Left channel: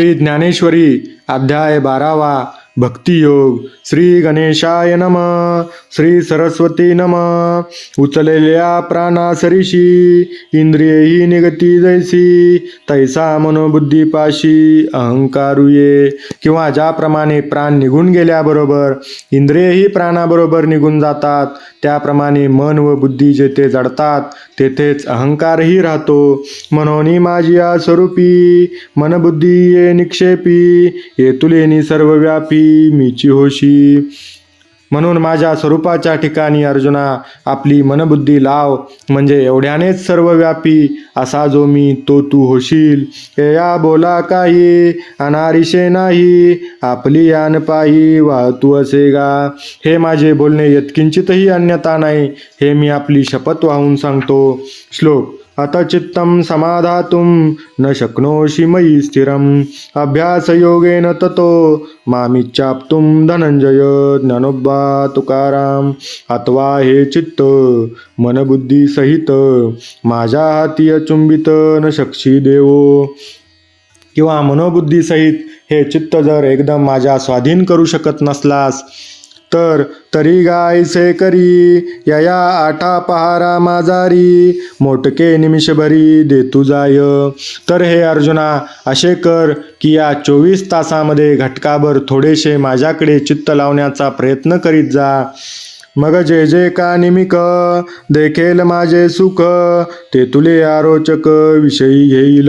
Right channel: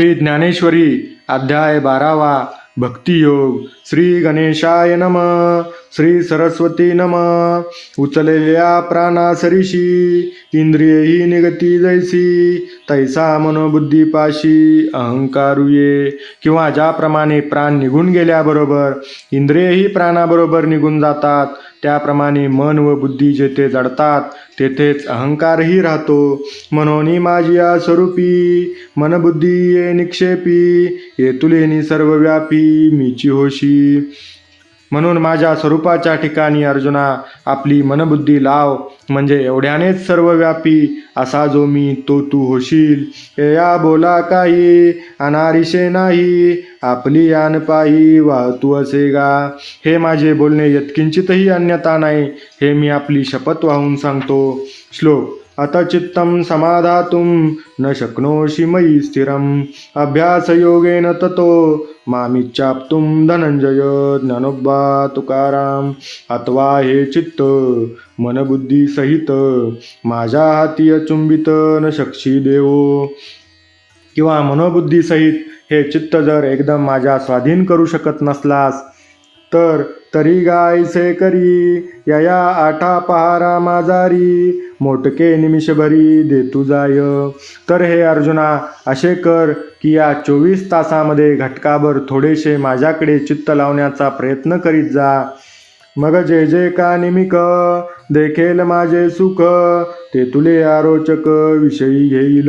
श्री ज्ञानेश्वरी अध्याय बारावा. भक्तियोग श्री गणेशाय नम श्री सरस्वती नम। उचललेल्या प्राणासरीशी इंद्रियही निगती जैसी तैसा मनोबुद्धीपाशी अहंकारुये। किंवा ज्याप्रमाणे प्राण निघून गेल्याबरोबर इंद्रियही प्राणाबरोबर निघून जातात त्याप्रमाणे मन व बुद्धी जेथे जडतात तेथेच अहंकारही राहतो। म्हणून माझी स्वरूपी मनबुद्धी ये निक्षेपी ये तुलेनी सर्वव्यापी मीची होशी. म्हणून माझ्या स्वरूपाच्या ठिकाणी अर्जुना आपली मनबुद्धी लाव. म्हणजे एवढ्यानेच सर्वव्यापी असा जो मी तो तू होशील. या बोला काही अनारिशे नाही. आपली यान पायी वाहतू असे गा. हे माझे बोलणे यत्किंचितही अन्यता नाही. हे मी आपली शपथ वाहून सांगतो. श्लोक अत चित्तं समाधातुं न शक्नोषि मयि स्थिरम्। अभ्यासयोगेन ततो मामिच्छाप्तुं धनंजय ज्ञानोबा तुकाराम अथवा हे चित्त मनबुद्धीसहित माझ्या हाती अचुंबित न शक्षी देवो। किंवा मनोबुद्धीसहित हे चित्त जर एकदम माझ्या स्वाधीन करू शकत नसलास तर तरी गायसे करी यया आठा पहारा माजारी मोटके निमिषभरी देतू जाय. तर हे अर्जुना असे कर की या चोवीस तासामध्ये घटकाभर थोडेसे माझ्याकडे चित्त लावण्याचा प्रयत्न करीत जा. मग जे जे का निमिक देखेल माझे सुख ते तुले आरोचक विषयी घेईल.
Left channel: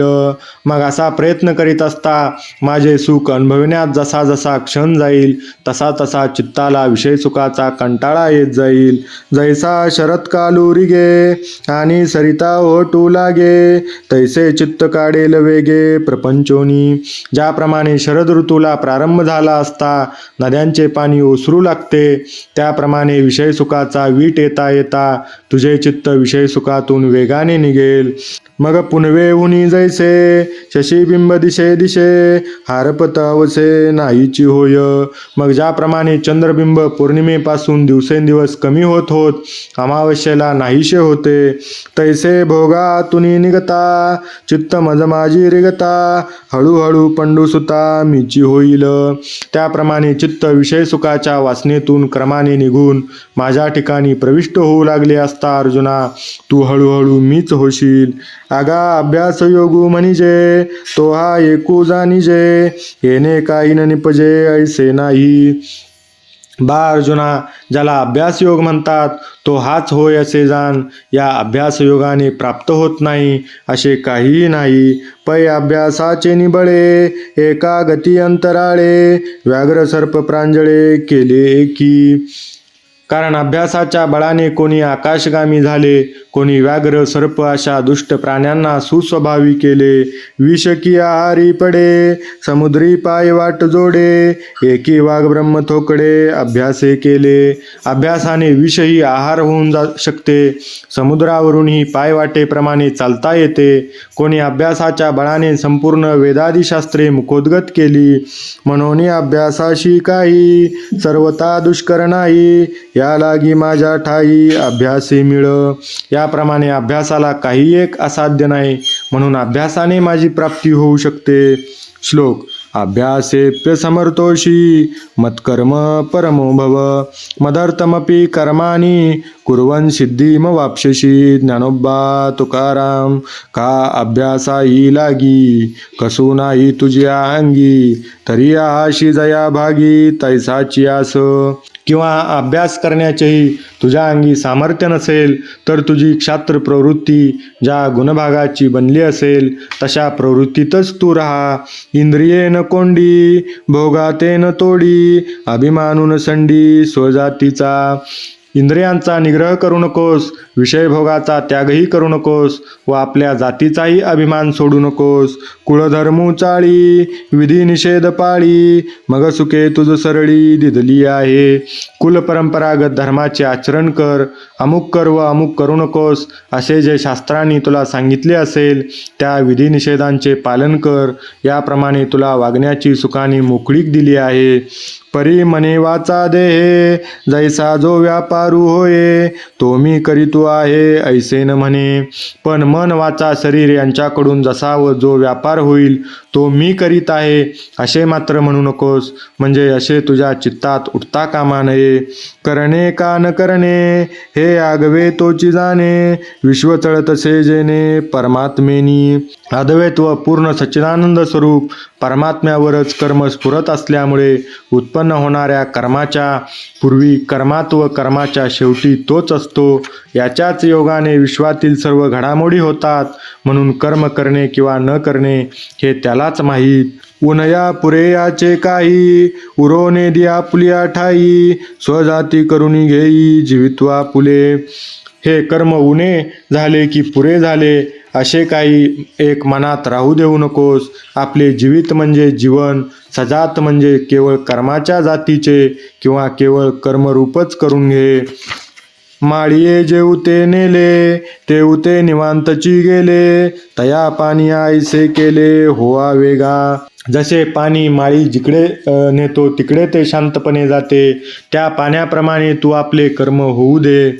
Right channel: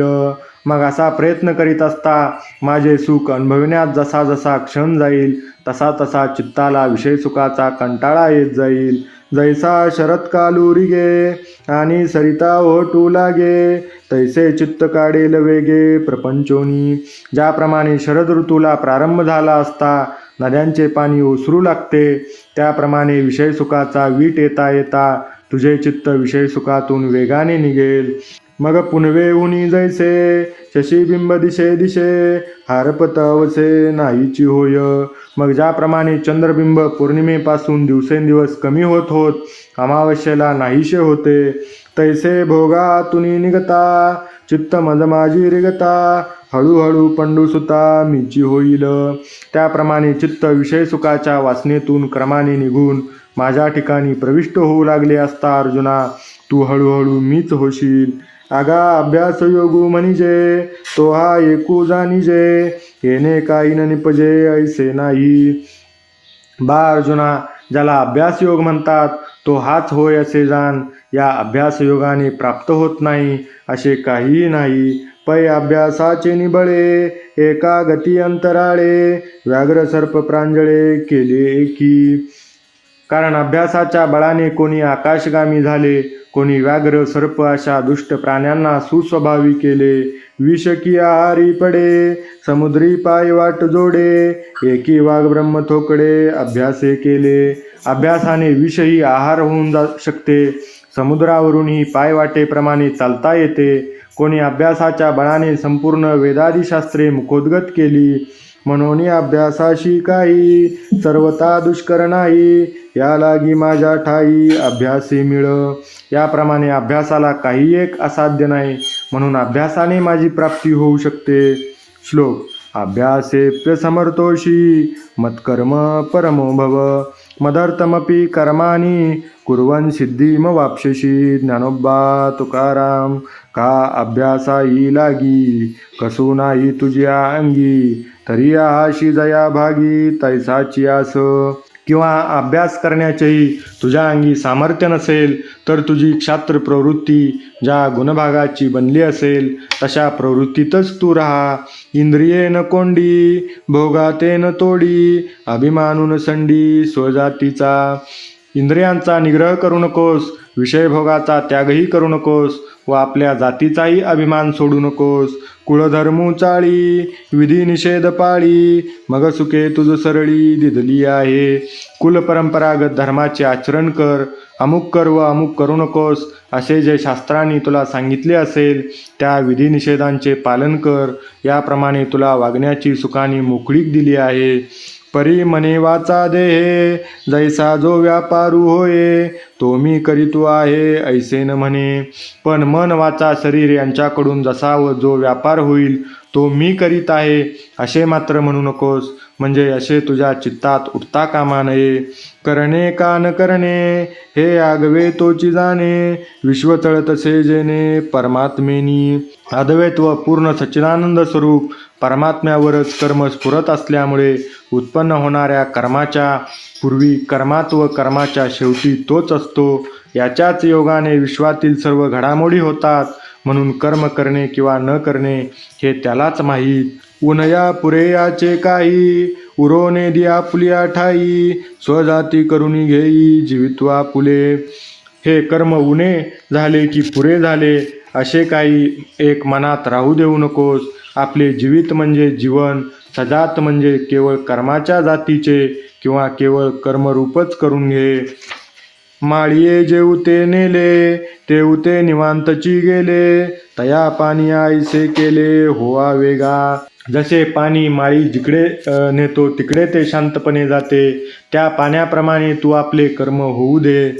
मग असा प्रयत्न करीत असता माझे सुख अनुभवण्यात जसा जसा क्षण जाईल तसा तसा चित्ताला विषय सुखाचा कंटाळा येत जाईल. जैसा कालुरी गे आणि सरिता ओटू लागे तैसे चित्त काढेल वेगे प्रपंचोनी. ज्याप्रमाणे शरद ऋतूला प्रारंभ झाला असता नद्यांचे पाणी ओसरू लागते त्याप्रमाणे विषय सुखाचा वीट येता येता तुझे चित्त विषय सुखातून वेगाने निघेल. मग पुनवे उनी जैसे शशीबिंब दिशे दिशे हारपत अवसे नाहीची होय. मग ज्याप्रमाणे चंद्रबिंब पौर्णिमेपासून दिवसेंदिवस कमी होत होत अमावस्येला नाहीशे होते. तैसे भोगातुनी निगता चित्त मज माझी रिगता हळूहळू पंडुसुता मीची होईल. त्याप्रमाणे चित्त विषय सुखाच्या वासनेतून क्रमाने निघून माझ्या ठिकाणी प्रविष्ट होऊ लागले असता अर्जुना तू हळूहळू मीच होशील. आगा अभ्यास योगू म्हणजे तो हा एकू जाणीजे. येणे काही न निपजे ऐसे नाही. बा अर्जुना ज्याला अभ्यास योग म्हणतात तो हाच होय असे जाण. या अभ्यास योगाने प्राप्त होत नाही असे काहीही नाही. पै अभ्यासाचे निबळे एका गती अंतराळे व्याघ्र सर्प प्रांजळे केले एकी. कारण अभ्यासाच्या बळाने कोणी आकाशगामी झाले कोणी व्याघ्र सर्प अशा दुष्ट प्राण्यांना सुस्वभावी केले. विषकी आहारी पडे समुद्री पाय वाट जोडे एकी वाघ ब्रह्म थोकडे अभ्यासे केले. अभ्यासाने विषही आहार होऊन जा शकते. समुद्रावरूनही पायवाटेप्रमाणे चालता येते. कोणी अभ्यासाच्या बळाने संपूर्ण वेदादिशास्त्रे मुखोद्गत केली. म्हणून अभ्यासाशी काही सर्वता दुष्कर नाही. या लागी माझ्या ठाई अभ्यासही मिळ. याप्रमाणे अभ्यासाला काही एक असाध्य नाही. म्हणून अभ्यासाने माझी प्राप्ती होऊ शकते. श्लोक अभ्यासेप्य समर्थोषी मत्कर्म परमो भव। मदर्थमपि कर्माणि कुर्वन् सिद्धिम वाप्स्यसि ज्ञानोबा तुकाराम। का अभ्यासाही लागी? कसू नाही तुझ्या अंगी? तरी आहाशी जया भागी तैसाची आस. किंवा अभ्यास करण्याचेही तुझ्या अंगी सामर्थ्य नसेल तर तुझी क्षात्र प्रवृत्ती ज्या गुणभागाची बनली असेल तशा प्रवृत्तीतच तू राहा. इंद्रिये न कोंडी भोगाते न तोडी अभिमानून संडी स्वजातीचा. इंद्रियांचा निग्रह करू नकोस विषयभोगाचा त्यागही करू नकोस व आपल्या जातीचाही अभिमान सोडू नकोस. कुळधर्मू चाळी विधी निषेध पाळी मग सुखे तुझ सरळी दिदली आहे. कुलपरंपरागत धर्माचे आचरण कर अमुक कर व अमुक करू नकोस असे जे शास्त्रांनी तुला सांगितले असेल त्या विधिनिषेधांचे पालन कर. याप्रमाणे तुला वागण्याची सुखाने मोकळीक दिली आहे. परी मने वाचा देहे जैसा जो व्यापारू होये तो मी करीतो आहे ऐसे न म्हणे. पण मन वाचा शरीर यांच्याकडून जसा व जो व्यापार होईल तो मी करीत आहे. असे मात्र म्हणू नकोस म्हणजे असे तुझ्या चित्तात उठता कामा नये. करणे का न करणे हे आगवे तोची जाणे. विश्व तसे जेणे परमात्मेनी. अद्वैत व पूर्ण सच्चिदानंद स्वरूप परमात्म्यावरच कर्म स्फुरत असल्यामुळे उत्पन्न होणाऱ्या कर्माच्या पूर्वी कर्मात व कर्माच्या शेवटी तोच असतो. याच्याच योगाने विश्वातील सर्व घडामोडी होतात. म्हणून कर्म करणे किंवा न करणे हे त्यालाच माहीत. उनया पुरेयाचे काही उरोने दिया पुलिया ठाई स्वजाती करुणी घेई जीवित्वा पुले. हे कर्म उणे झाले की पुरे झाले. असे काही एक मनात राहू देऊ नकोस. आपले जीवित म्हणजे जीवन सजात म्हणजे केवळ कर्माच्या जातीचे किंवा केवळ कर्मरूपच करून घे. माळिये जेवते नेले तेवते निवांतची गेले. तया पाणी आईसे केले होवा वेगा. जसे पाणी माळी जिकडे नेतो तिकडे ते शांतपणे जाते. त्या पाण्याप्रमाणे तू आपले कर्म होऊ दे.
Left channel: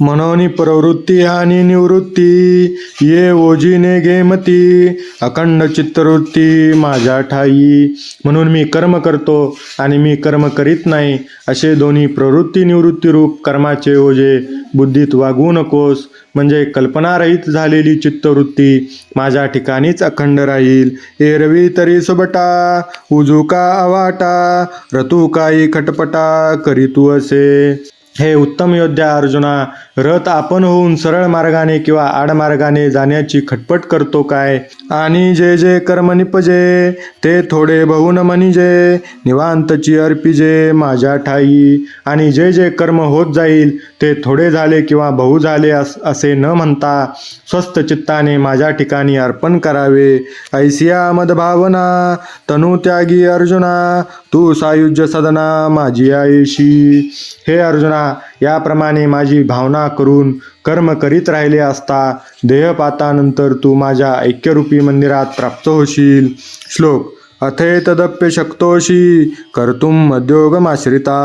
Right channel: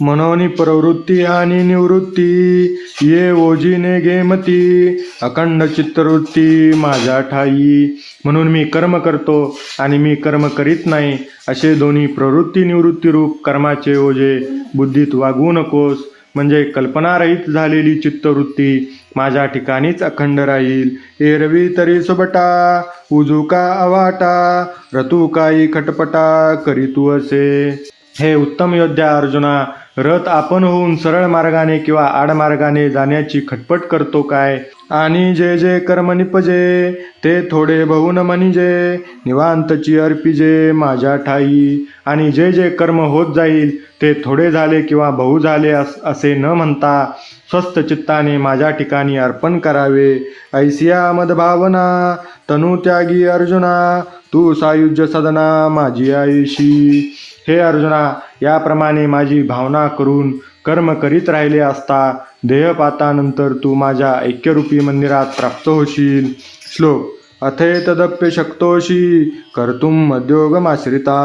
मनोनी प्रवृत्ती आणि निवृत्ती ये ओजीने गेमती अखंड चित्तवृत्ती माझ्या ठाई. म्हणून मी कर्म करतो आणि मी कर्म करीत नाही असे दोन्ही प्रवृत्ती निवृत्तीरूप कर्माचे ओझे बुद्धीत वागवू नकोस. म्हणजे कल्पनारहित झालेली चित्तवृत्ती माझ्या ठिकाणीच अखंड राहील. एरवी तरी सुबटा उजूका अवाटा रतू काही खटपटा करीतू असे. हे उत्तम योद्धा अर्जुना रथ आपण होऊन सरळ मार्गाने किंवा आडमार्गाने जाण्याची खटपट करतो काय? आणि जे जे कर्म निपजे ते थोडे बहुन म्हणजे निवांतची अर्पिजे माझ्या ठाई. आणि जे जे कर्म होत जाईल ते थोडे झाले किंवा बहु झाले अस असे न म्हणता स्वस्त चित्ताने माझ्या ठिकाणी अर्पण करावे. ऐसिया मदभावना तनु त्यागी अर्जुना तू सायुज्य सदना माझी आयुषी. हे अर्जुना याप्रमाणे माझी भावना करून कर्म करीत राहिले असता देहपातानंतर तू माझ्या ऐक्यरूपी मंदिरात प्राप्त होशील. श्लोक अथेतदप्य शक्तोषी कर्तुम मध्योगमाश्रिता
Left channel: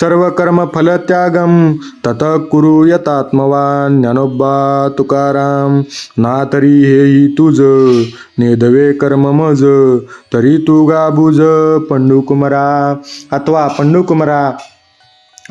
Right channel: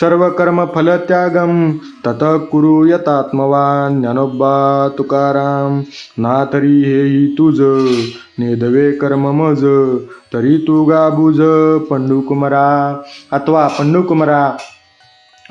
सर्व कर्म फलत्यागम तत कुरु यतात्मवान ज्ञानोबा तुकाराम। ना तरी हेही तुझ नेदवे कर्म मज तरी तू गाबुज पंडुकुमरा। अथवा पंडुकुमरा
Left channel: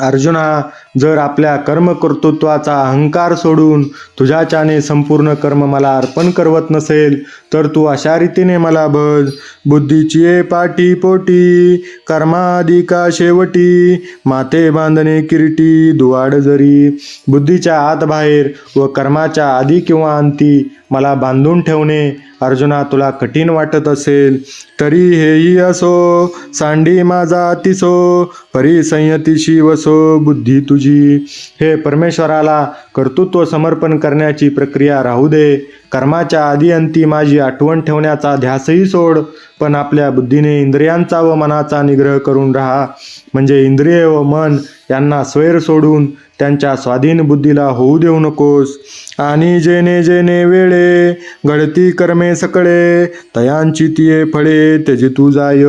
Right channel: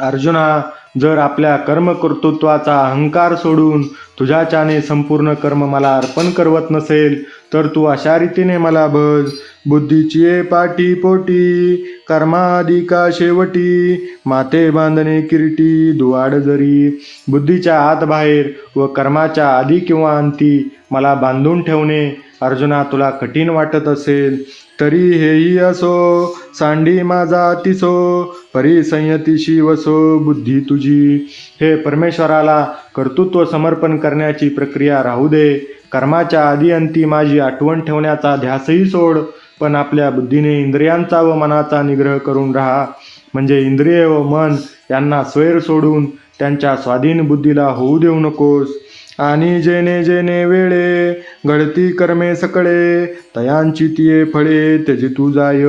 अर्जुना जर आपल्या कर्मकर्तृत्वाचा अहंकार सोडून तुझ्याच्याने संपूर्ण कर्म मला अर्पण करवत नसेल तर तू अशा रीतीने मला भज बुद्धीची पाठी पोटी कर्माधिका शेवटी माथे बांधणे किरीटी दुवाड जरी. बुद्धीच्या आत बाहेर व कर्माच्या आधी किंवा अंती मला बांधून ठेवणे अर्जुना तुला कठीण वाटत असेल तरी हेही असो सांडी माझा अतिसो परिसंयतीशी वसो बुद्धी तुझी. हे परमेश्वराला कर्तृत्व समर्पण करण्याची प्रक्रिया राहू दे. कर्माच्या आधी माझी आठवण ठेवण्याचा ध्यासही सोड पण आपल्या बुद्धीने इंद्रियांचा व मनाचा निग्रह करून राहा. म्हणजे इंद्रिय व मन यांना स्वैर सोडून त्यांच्या स्वाधीन बुद्धीला होऊ देऊ नकोस. आणि जेने जेने वेळे घडती कर्मे सकळे तयांची तिये फळे त्याची तू जाय.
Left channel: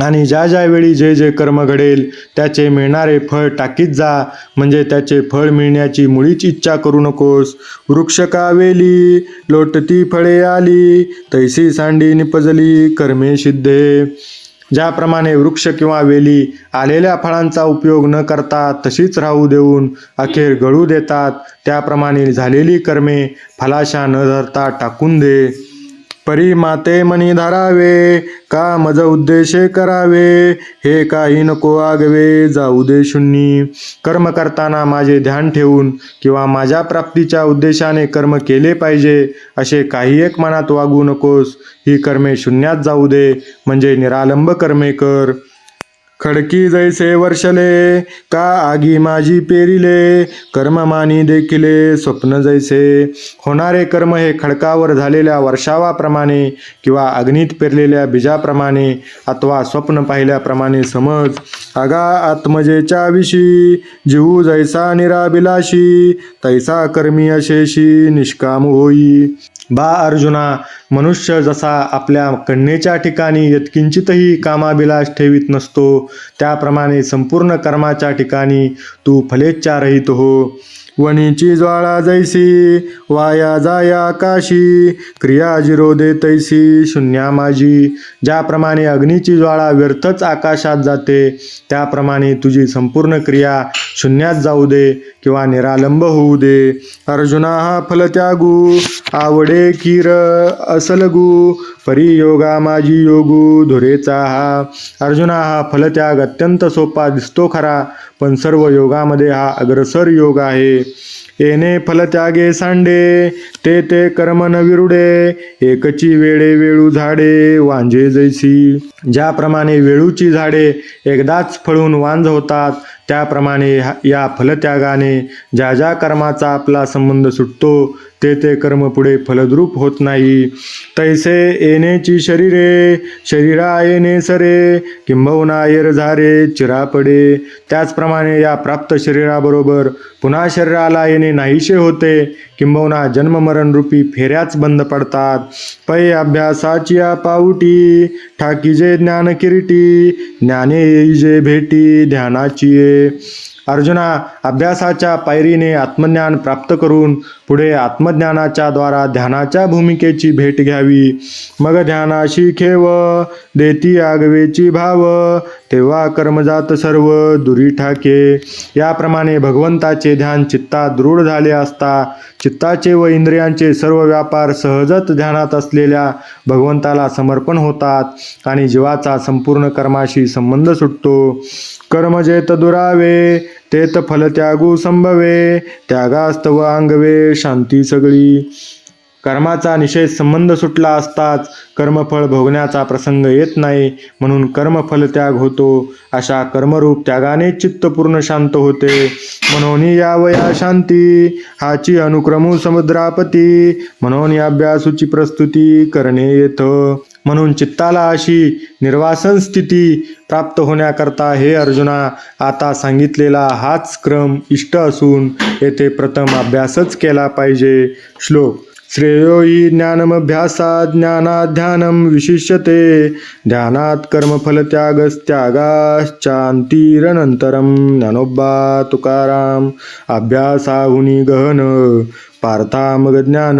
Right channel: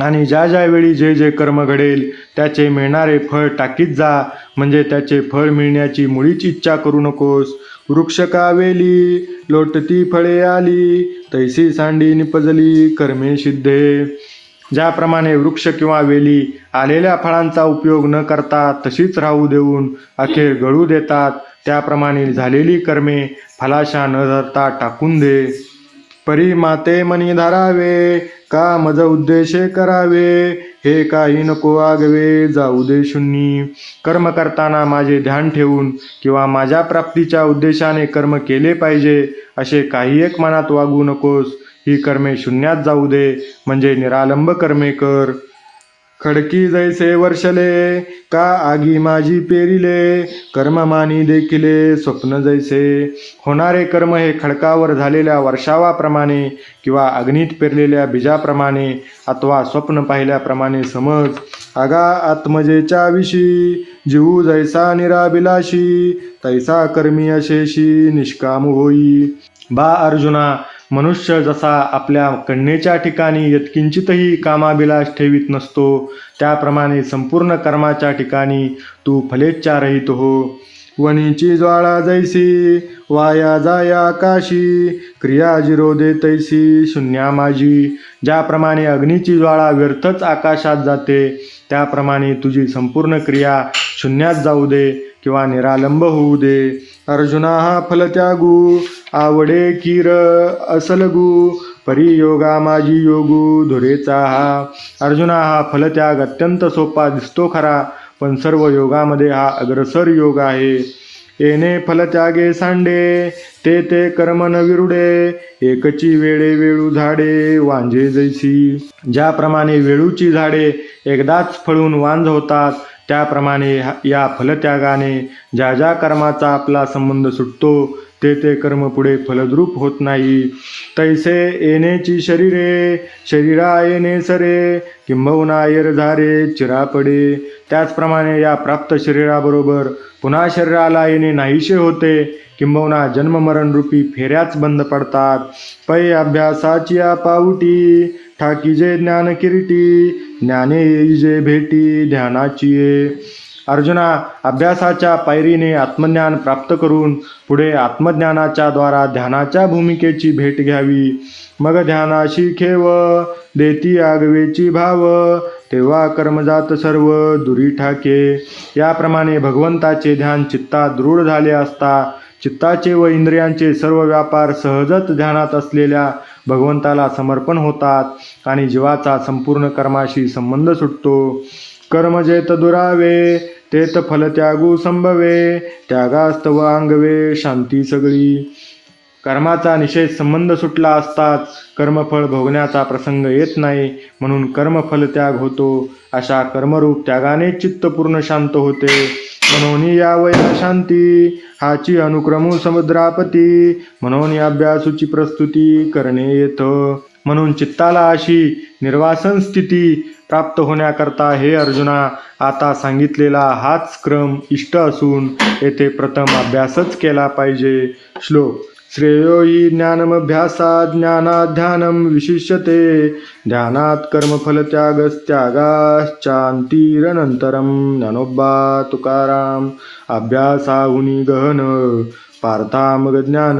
आणि ज्या ज्या वेळी जे जे कर्म घडेल त्याचे मिळणारे फळ टाकीत जा. म्हणजे त्याचे फळ मिळण्याची मुळीच इच्छा करू नकोस. वृक्ष कावेली लोटती फळे आली तैसी सांडी निपजली कर्मे सिद्धे. ज्याप्रमाणे वृक्ष किंवा वेली आलेल्या फळांचा उपयोग न करता तशीच राहू देऊन अखेर गळू देतात. त्याप्रमाणे झालेली कर्मे फलाशा न धरता टाकून दे. परी माते मनी धरावे. का मज उद्देशे करावे हे काही नको आगवे जाऊ दे शून्नी कर्म करताना माझे ध्यान ठेवून किंवा माझ्या प्राप्तीच्या उद्देशाने कर्म केले पाहिजे असे काही एक मनात वागू नकोस. ही कर्मे शून्यात जाऊ दे म्हणजे निरालंब कर्मे कर. खडकी जैसे वर्षले का आगी माझी पेरिले? कर्म मानी देखिले स्वप्न जैसे. होणारे कर्म हे खडकावर झालेल्या वर्षावाप्रमाणे किंवा अग्नीत पेरलेल्या बीजाप्रमाणे अथवा स्वप्न पाहिल्याप्रमाणे समज. अगा आत्मजेच्या विषी जीव जैसा निराबिलाशी तैसा कर्मी अशेशी निष्काम होई. बा अर्जुना मनुष्य जसा आपल्या कन्येच्या ठिकाणी यत्किंचितही कामाभिलाष ठेवीत नसतो त्याप्रमाणे संपूर्ण कर्माच्या ठिकाणी तू फलेच्छा रहित हो. वणीची ज्वाळा जैसी वाया जाया आकाशी क्रिया जिरोदे तैसी शून्या माझी. ज्याप्रमाणे अग्नीची ज्वाळा व्यर्थच आकाशात जाते त्याप्रमाणे तुझी संपूर्ण क्रिया शून्यात जाऊ दे. किंवा निरालंब होऊ दे. अर्जुना हा फलत्यागू आवडे किर असलगू परियोगा माझी योगू धुरेचा हा. अर्जुना हा फलत्याग अत्यंत सोपा दिसतो खरा पण सर्व योगामध्ये हा अग्रसर योग आहे. येणे फलत्यागे सांडे ते ते कर्म न विरुडे. एकची वेळे वेळू झाडे वांझे जैसी. ज्याप्रमाणे वेळूची झाडे एकदाच फळून वांझ होतात त्याप्रमाणे या फलत्यागाने ज्या ज्या कर्माचा आपला संबंध सुटतो ते ते कर्म पुढे फलद्रूप होत नाही. तैसे येणेची शरीरे शरीरा येणे सरे किंबहुना येर झारे चिरा पडे त्याचप्रमाणे या प्राप्त शरीराबरोबर पुन्हा शरीराला येणे नाहीसे होते. किंबहुना जन्ममरण रूपी फेऱ्याच बंद पडतात. पै अभ्यासाची या पाऊटी ठाकीजे ज्ञान किरीटी ज्ञाने येईजे भेटी ध्यानाची अर्जुना अभ्यासाच्या पायरीने आत्मज्ञान प्राप्त करून पुढे आत्मज्ञानाच्या द्वारा ध्यानाच्या भूमिकेची भेट घ्यावी. मग ध्यानाशी खेव देती आगवेची भाव तेव्हा कर्मजात सर्व दुरी ठाके. याप्रमाणे भगवंताचे ध्यान चित्तात दृढ झाले असता चित्ताचे व इंद्रियांचे सर्व व्यापार सहजच ध्यानात असलेल्या भगवंताला समर्पण होतात आणि जीवाचा संपूर्ण कर्माशी संबंध सुटतो. कर्म जेत दुरावे तेत फल त्यागू संभवे त्यागास्तव अंगवे शांती सगळी. कर्माचा निषेध संबंध सुटला असताच कर्मफळ भोगण्याचा प्रसंग येत नाही म्हणून कर्मफल त्याग होतो. अशा कर्मरूप त्यागाने चित्त पूर्ण शांत होते. म्हणून यावया शांती हाची अनुक्रमू समुद्रापती. म्हणून या अभ्यासूची प्रस्तुती करणे येतं. म्हणून चित्ताला अशी निर्वासन स्थिती प्राप्त होण्याकरता हे अर्जुना आता सांगितलेला हाच क्रम इष्ट असून येथे प्रथम अभ्यासच केला पाहिजे. श्लोक श्रेयो हि ज्ञानमभ्यासात ज्ञानात ध्यानं विशिष्यते ध्यानात कर्मफलत्यागस्त्यागाश्चान्तिरनन्तरं ज्ञानोबा तुकाराम अभ्यासाहुनी गहन पार्था मग ज्ञान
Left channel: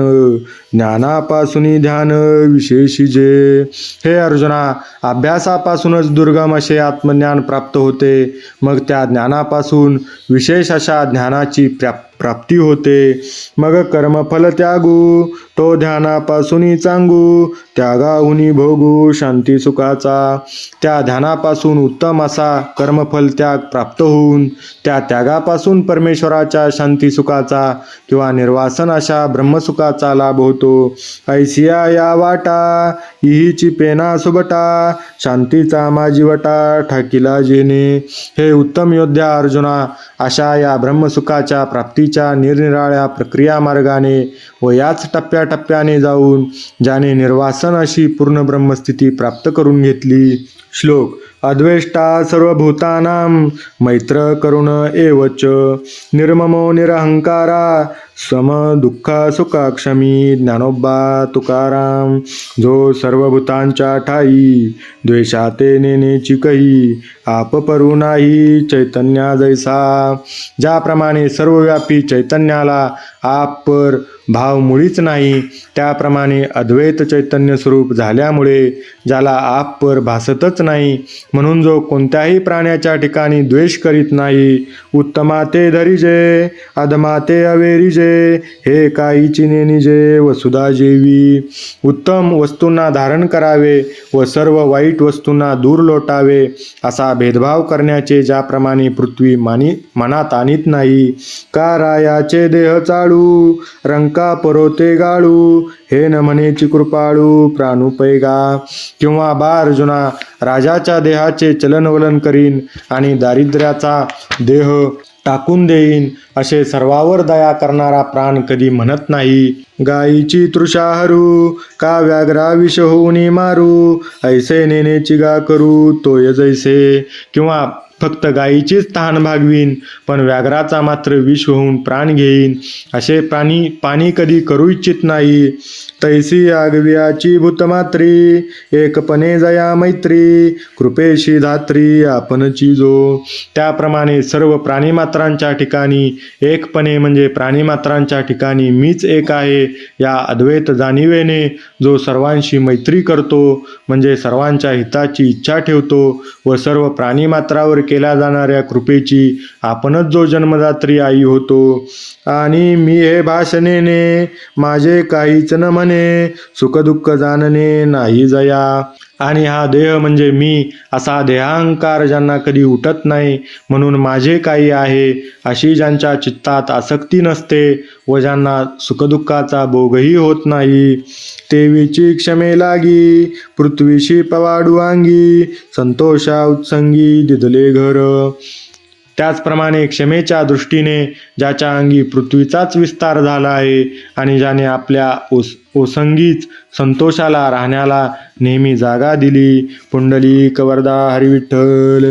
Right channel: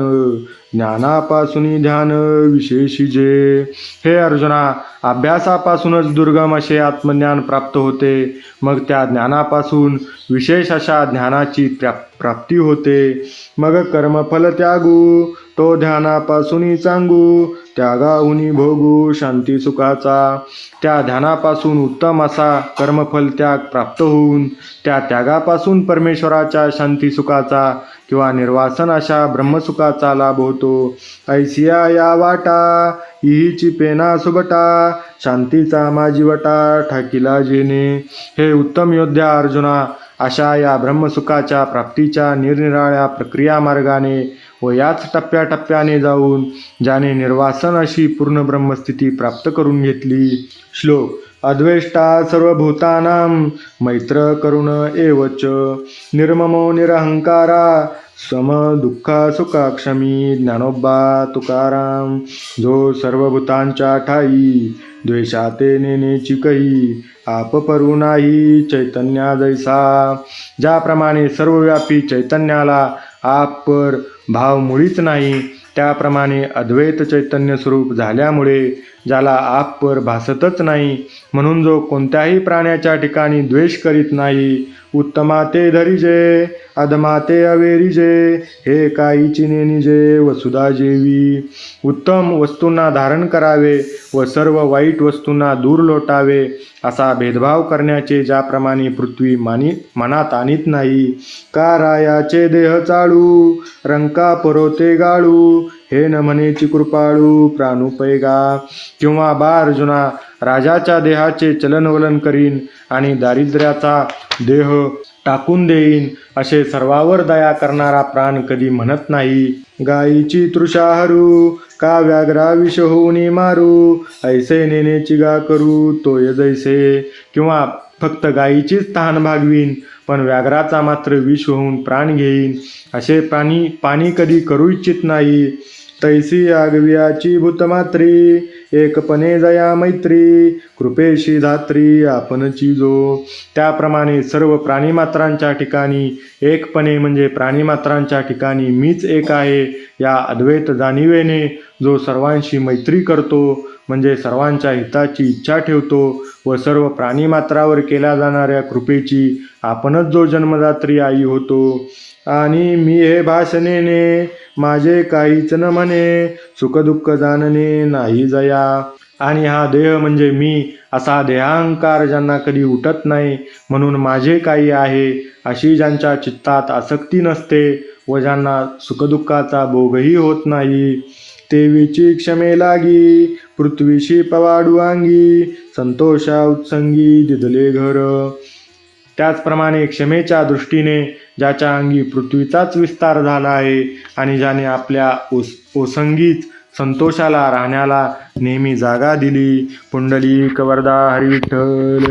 ज्ञानापासून ध्यान विशेषी जे. हे अर्जुना अभ्यासापासूनच दुर्गम असे आत्मज्ञान प्राप्त होते. मग त्या ज्ञानापासून विशेष अशा ज्ञानाची प्रा प्राप्ती होते. मग कर्मफल त्यागू तो ध्यानापासून चांगू त्यागाहुनी भोगू शांती सुखाचा. त्या ध्यानापासून उत्तम असा कर्मफल त्याग प्राप्त होऊन त्या त्यागापासून परमेश्वराच्या शांती सुखाचा किंवा निर्वासन अशा ब्रह्मसुखाचा लाभ होतो ऐसिया या वाटा इहीची पेना सुबटा शांतीचा माझी वटा ठाकिला जेने हे उत्तम योद्धा अर्जुना अशा या ब्रह्मसुखाच्या प्राप्तीच्या निरनिराळ्या प्रक्रिया मार्गाने व याच टप्प्याटप्प्याने जाऊन ज्याने निर्वासन अशी पूर्ण ब्रह्मस्थिती प्राप्त करून घेतली. श्लोक अद्वेष्टा सर्वभूतानां मैत्र करुण एवच. निर्ममो निरहंकारा सम दुःख सुखा क्षमी ज्ञानोबा तुकाराम जो सर्वभूतांच्या ठाई द्वेषाते नेनेची कही आप परू नाही चैतन्या जैसा। ज्याप्रमाणे सर्वव्यापी चैतन्याला आप पर भाव मुळीच नाही त्याप्रमाणे अद्वैत चैतन्य स्वरूप झाल्यामुळे ज्याला आप पर भासतच नाही म्हणून जो कोणत्याही प्राण्याच्या ठिकाणी द्वेष करीत नाही उत्तमाते धरिजे अधमाते अवेरिजे हे काहीची नेनिजे वसुधा जेवी. उत्तम वस्तूंना धारण करावे व सर्व वाईट वस्तूंना दूर लोटावे असा भेदभाव करण्याचे ज्याप्रमाणे पृथ्वी मानी मनात आणीत नाही. का रायाचे देह चाळू रंका परोते गाळू हे न म्हणेची कृपाळू प्राणुपैगा. किंवा बा अर्जुना राजाच्या देहाचे चलनवलन करीन आणि दारिद्र्याचा देह टाकून देईन असे सर्वावर दया करणारा प्राण कधी म्हणत नाही. गायीची तृषा हरू का व्याघ्रा विष होऊनी मारू? ऐसे नेनेची गा करू तोय जैसे. किंवा फक्त गायीचीच तहान भागवीन पण व्याघ्राचा मात्र विष होऊन प्राण घेईन. असे प्राणी पाणी कधी करू इच्छित नाही. तैसी आगवियाची भूतमात्री एकपणे जया मैत्री कृपेशी धात्री आपणची जो त्याप्रमाणे सर्व प्राणीमात्रांच्या ठिकाणी एकपणे म्हणजे प्राणीमात्रांच्या ठिकाणी मीच एक आहे या अद्वैत जाणिवेने जो सर्वांशी मैत्री करतो म्हणजे सर्वांच्या हिताची इच्छा ठेवतो व सर्व प्राणीमात्रावर केल्या जाणाऱ्या कृपेची आपणच जो जन्मदात्री आई होतो. आणि मी हे भाषणेने माझे काहीच न म्हणे सुखदुःख जाणणे नाही जया. आणि हा देह म्हणजे मी असा देहांकार ज्यांना कधी उठत नाही म्हणून माझे काही आहे अशी ज्यांच्या चित्तात आसक्ती नसते व ज्यांना सुखदुःखाचा भोगही होत नाही. तेवीची क्षमे लागी पृथ्वीशी पवाडू अंगी संतोषा उत्संगी दिदले घर. त्याचप्रमाणे क्षमेच्या दृष्टीने ज्याच्या अंगी पृथ्वीचाच विस्तार झाला आहे आणि ज्याने आपल्या ओस ओसंगीच संतोषाला राहण्याला नेहमी जागा दिली पुंडली कवरदा हरिविठ्ठल.